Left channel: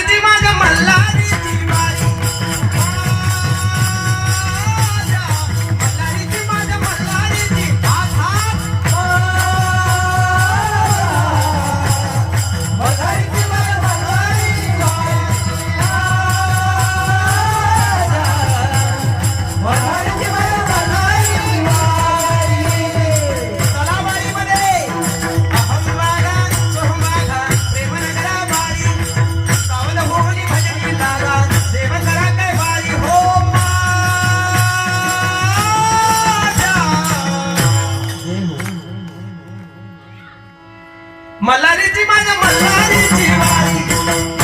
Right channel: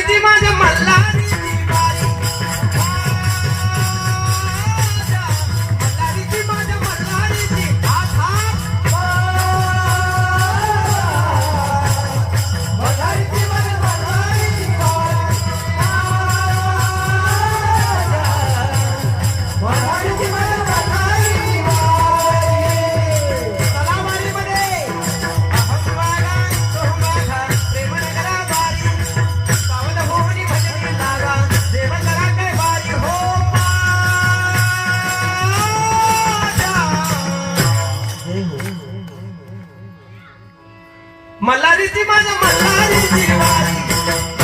मल्हारीची माझ्या मल्हारीची वारी मल्हारीची माझ्या मल्हारीची मल्हारीची माझ्या मल्हारीची मल्हारीची माझ्या मल्हारीची सलामारीमध्ये अहमवागा सोहमागा प्रेमनगरा वारी सावध होनी भजनी लागा देव करा काय वारी हो माझ्या मल्हारीची माझ्या मल्हारीची वारी